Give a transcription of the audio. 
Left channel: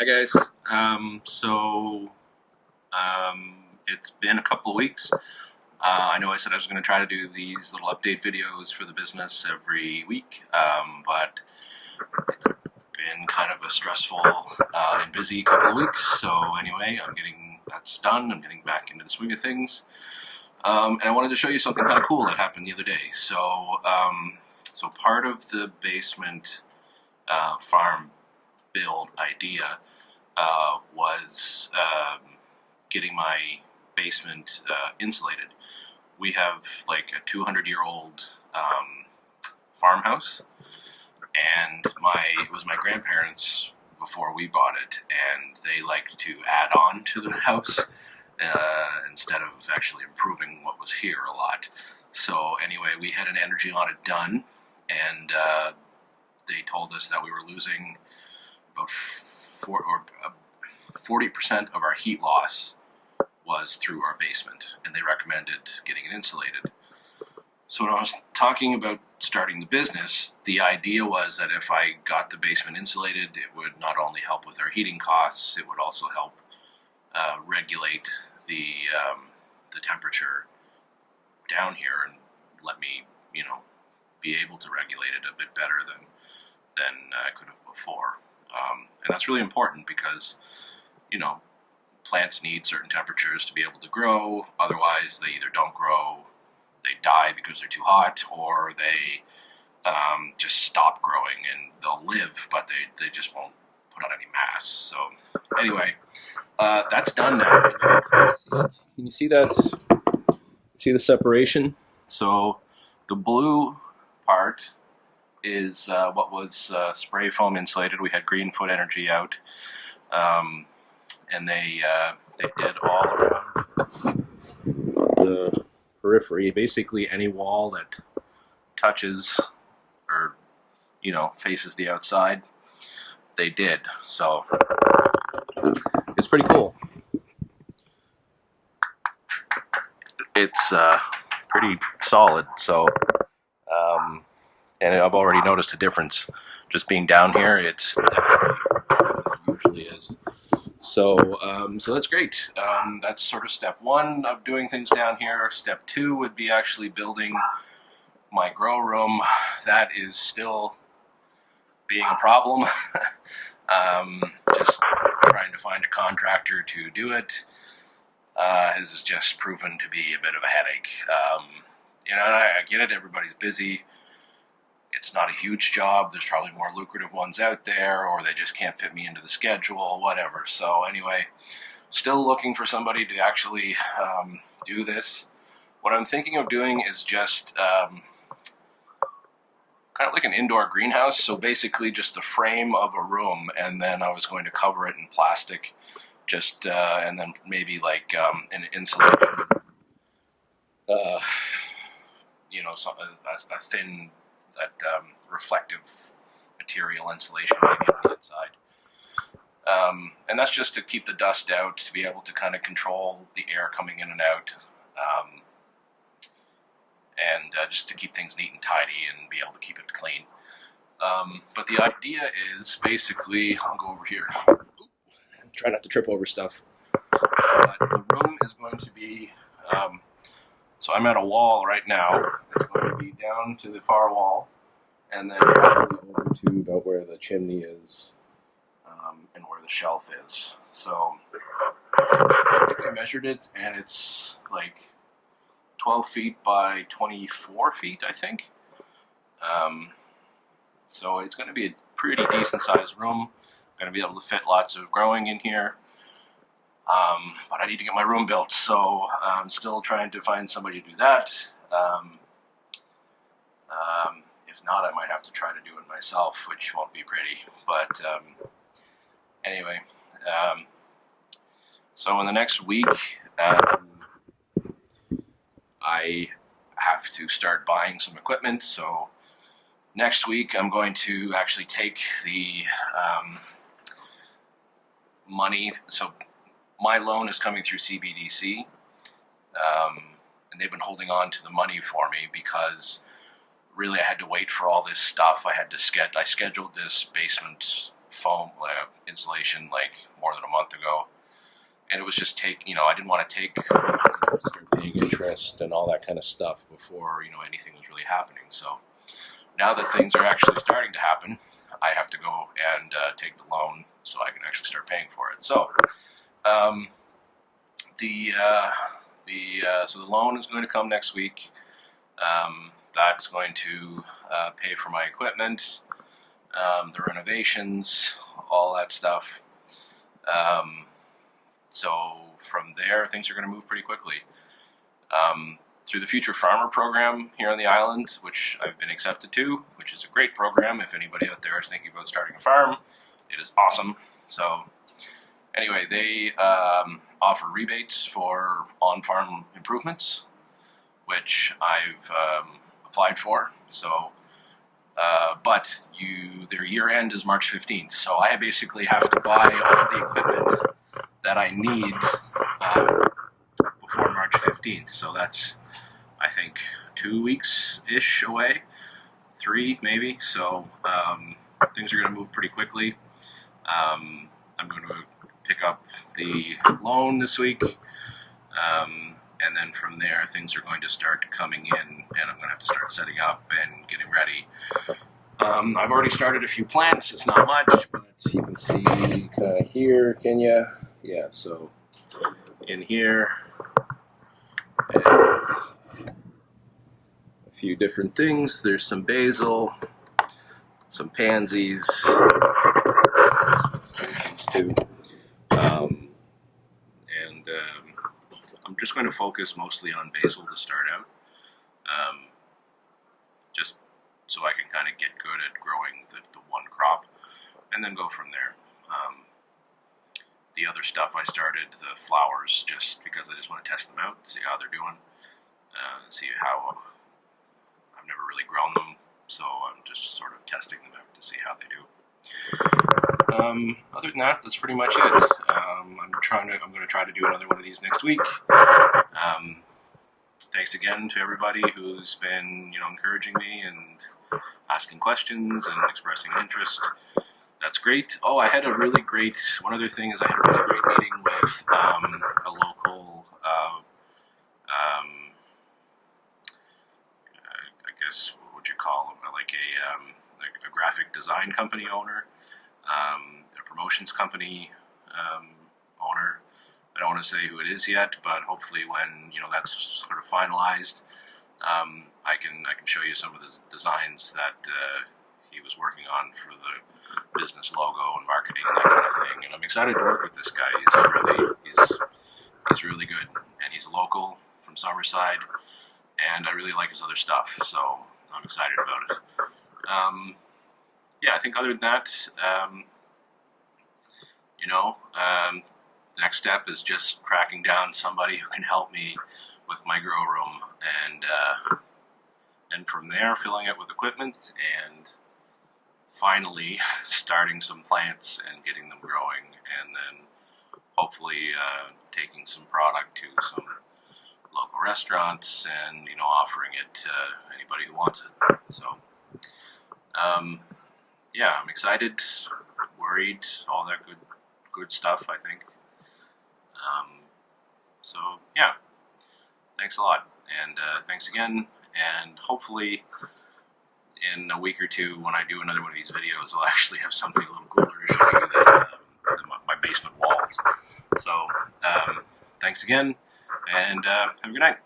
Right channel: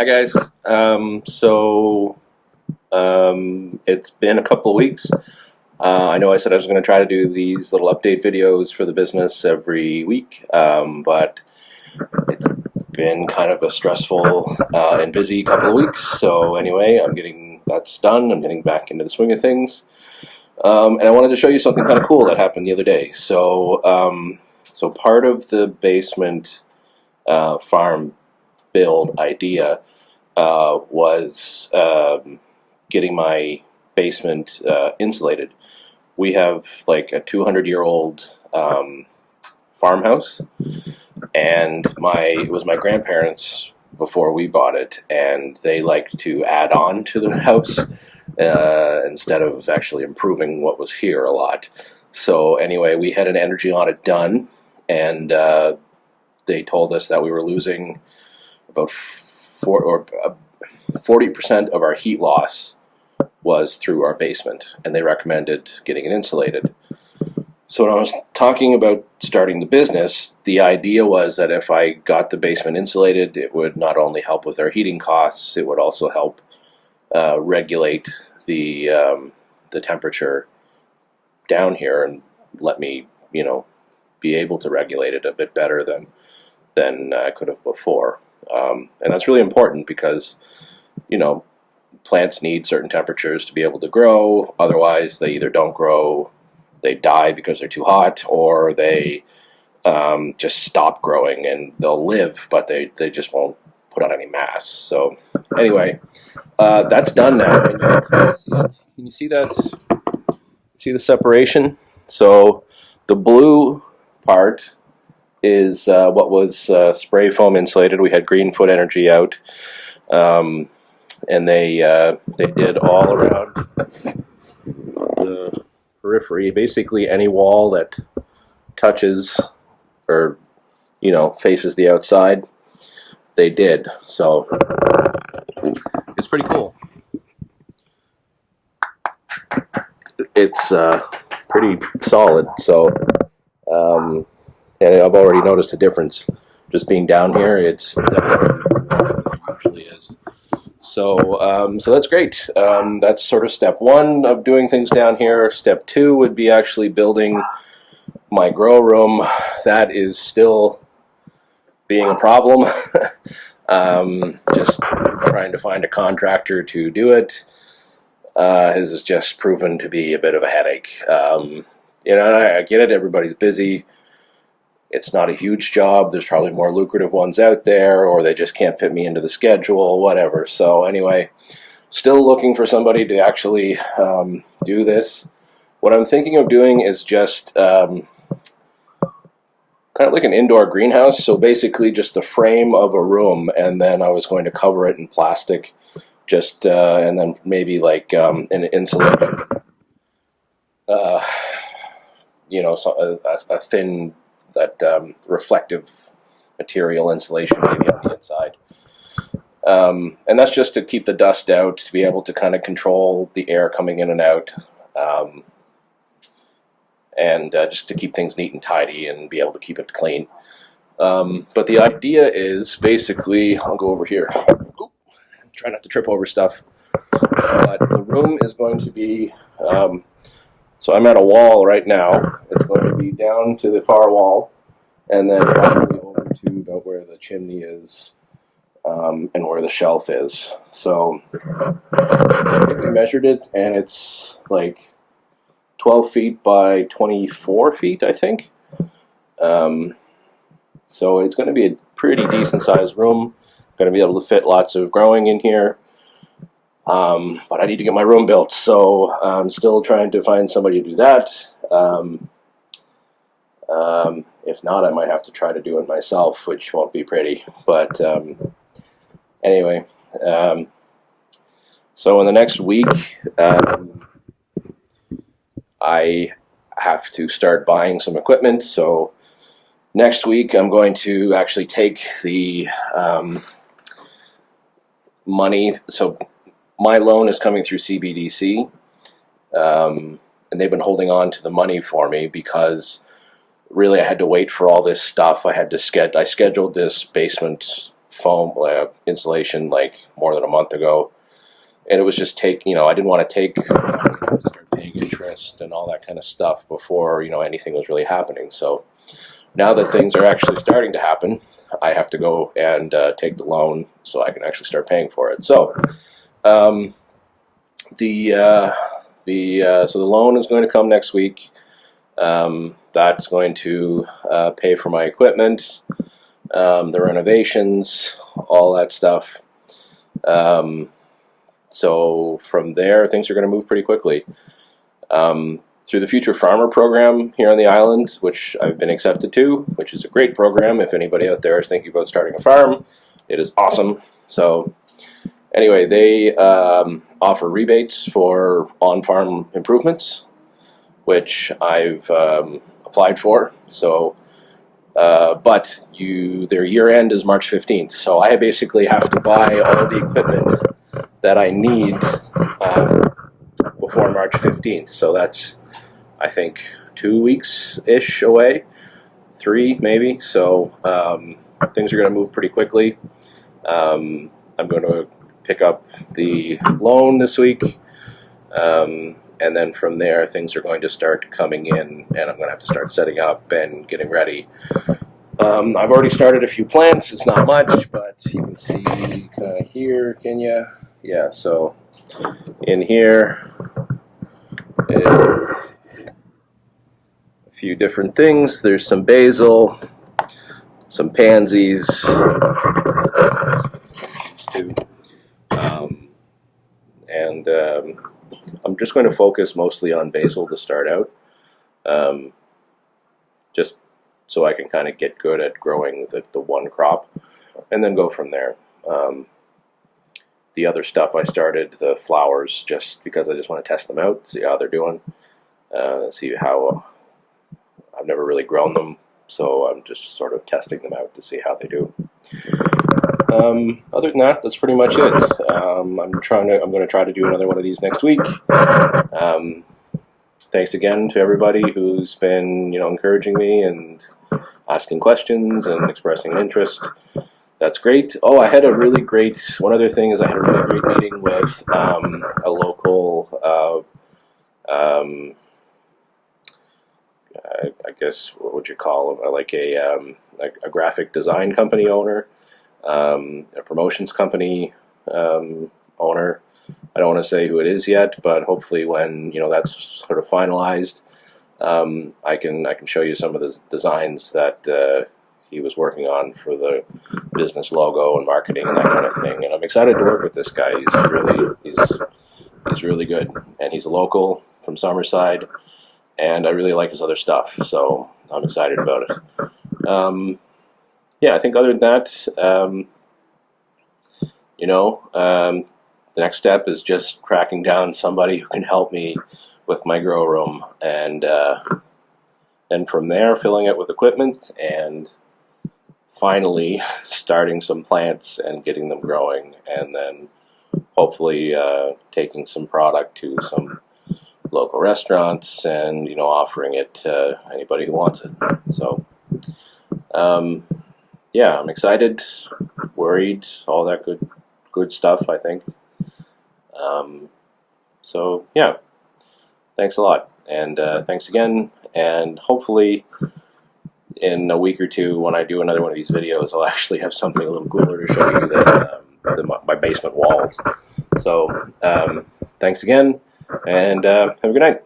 Hi guys. It's been a couple of weeks. I know I said I was going to try to do these little update videos for the business every week, but it's been kind of a stressful and busy couple of weeks. So anyway, I'm getting that's done. I'm getting back into the swing of things, and I wanted to show you something kind of cool that happened the other day. So part of the basement farm build idea was getting my basement insulated. We have like a 200-year-old farmhouse, and it was my grandparents before we bought it, and they liked to add on to the house instead of actually improving what was here a lot. So anyway, we had an energy audit done, and they told us that we were losing about 40% of our heat loss was through our basement, and they recommended getting it insulated. So when I was talking about starting the business, the idea was that if I got the basement insulated, it would not only help with our heating costs, it would also help regulate the temperature down here and let me, be able to regulate it a bit better than I could have before. And that's really important because, plants need certain temperatures to be able to grow. Otherwise, they either don't grow, they die because they're too hot, or they just stop growing, and they'll live, but they just won't put on any mass. So anyway, that's done now. And you can kind of see it. Can you see that? See the separation? So the blue part is what was spray foam insulated. We had Greenfoot Energy out, and they did all around the periphery. Basically, any wall that touches or faces the outside, they did. So it's pretty cool. It's pretty solid. So. And I've already noticed a difference just being down here. It's definitely more than it usually is. So that's great. That's sort of step one of doing things down here. Step two would be actually building my grow room. That is still being a problem. Just trying to find a contractor to do it has just proven to be a bit of a headache. And I get it. Everybody's busy. It's not a huge job. There's probably more lucrative ones out there, or they just can't fit me into the schedule, whatever. So anyway, still looking for somebody to actually do this. What I'm thinking of doing is just kind of like an indoor greenhouse. So basically just the frame of a room, and then I was going to cover it in plastic, and then maybe like an insulation, a thin, that reflective material insulation maybe on the inside. And that's just to keep the dust out, to be able to kind of control the air coming in and out, and just to keep things neat and tidy and be able to keep it clean. But the idea is basically, I'll go over here. Oop, try not to trip over stuff. But the room is going to be, so I'm at a wall right now. It's going to be down to the far wall, and then probably over to about where the chimney is, and where the shelf is. So I think we measured it, and it's like 12 feet by 24 feet, I think. So it's going to be a pretty decent sized room. Going to be able to fit lots of growing in here. But I need to get my room built, so I'm still trying to find somebody to do that. If not, I might have to try to do it myself, which won't be pretty. But anyway, so in the next week, I have to start buying some equipment. So next week, I'm going to actually take the money. So my loan is coming through CBDC, and they've been holding on to the money for me because really I had to wait for all this stuff. I scheduled this basement foam insulation like more than a month ago, and it was just I didn't want to start paying interest and all that kind of stuff before anything was really happening. So now that things are actually starting to happen, I have to go and take the loan so I can actually start paying for it. So so the loan is going to come next week. That's going to pay for my equipment, the renovations, all that stuff. So from there, things are going to move pretty quickly. Through the Future Farmer program here on the island, which I've been accepted to, which is a great program. If anybody out there is thinking about starting a farm, it is awesome. So anyway, they offer rebates for on-farm improvements, which I've applied for. So, but their year end is March 15th. So I basically have to buy all the equipment that I need before March 15th. So that's, I think, 2 weeks-ish away, 3 maybe. So things are going to move pretty quickly. I'm going to pick up the loan this week. And then from there, things are going to start coming in, and I'm going to have to start setting up and getting ready. I've already started a few plants. It's not much, but you can see kind of here, can you? Yeah, so in here is a few different things. There's some basil, some pansies, too. I'm just going to focus mostly on basil to start out, just so I can kind of get good at growing the one crop, and then go from there. The other stuff I started, the flowers, just because I just want to test them out, see how they're doing, see how, I've never really grown them, so I'm just sort of testing them out to see how they do. Other than that, that's pretty much it. I'm going to try to do another one of these next week. Thanks again to everybody who's been, encouraging me and asking questions and expressing an interest. That's great. Oh, I had a really great, one other thing is I had a really great meeting with a local, I guess, what would you call them? Like a graphic design company owner. A promotions company owner. I don't want to say who it is yet, but hopefully when that's sort of finalized, I can show you some of the designs that he was working on for the business logo and marketing and that kind of thing. And I'm excited to work with this guy. He's really good, and he's a local from Summerside, and I really like his other stuff. So I'm excited about it. Yeah, I think other than that, the next step is just tracking down somebody who can help me with my grow room, and from there, filling it with equipment, and finally starting some plants and getting them growing, and then hopefully taking some product to some local restaurants and offering it to anybody who wants it. So. Yeah, I'm excited, worried, all that good stuff, I think. So, yeah, thanks a lot. And thanks again. And hopefully in a week or two, when I do another one of these videos, I'll actually have something a little cooler to show you than my basement walls. So, thanks again, and have a good night.